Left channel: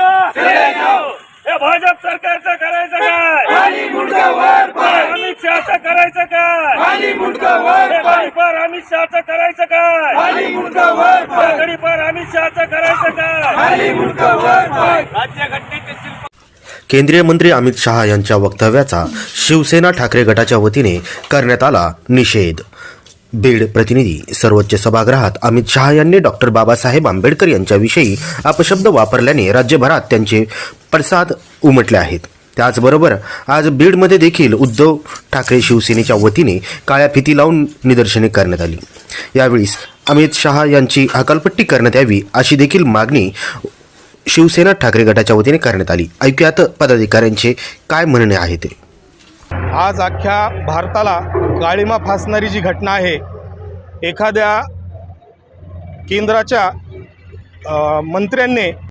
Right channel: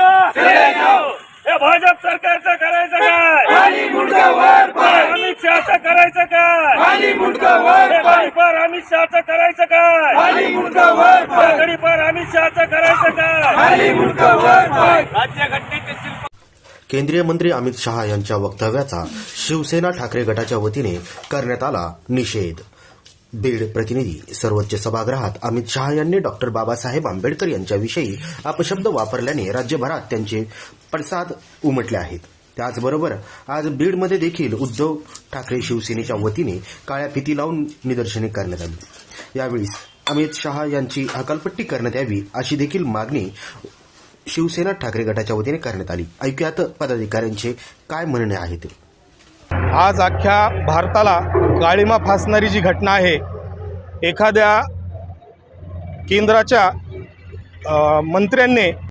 हे भाजप सरकारचं करायचं काय? अमित शहाचं करायचं काय? गडीपार अमित शहाचं करायचं काय? गडीपार अमित शहाचं करायचं काय? राज्यघटनेचे शिल्प केंद्रीय मंत्री अमित शहा यांच्या वक्तव्याचा शिवसेना ठाकरे गटाच्या वतीने करण्यात आला निषेध. बीड प्रतिनिधी. सर्वोच्च सभागृहात अमित शहा यांनी डॉक्टर बाबासाहेब आंबेडकर यांच्याविषयी अपशब्द वापरल्याने राज्यभरात त्यांचे पडसाद उमटले आहेत. त्याचबरोबर आज बीडमध्ये देखील उद्धव ठाकरे शिवसेनेच्या वतीने काळ्या फिती लावून निदर्शने करण्यात आली. यावेळी अमित शहा यांची हकालपट्टी करण्यात यावी अशी देखील मागणी शिवसेना ठाकरे गटाच्या वतीने करण्यात आली. ऐकूयात पदाधिकाऱ्यांचे काय म्हणणे आहे ते. आज अख्ख्या भारताला काळिमा फासणारी जी घटना आहे, एखाद्या केंद्राच्या मंत्र्यांनी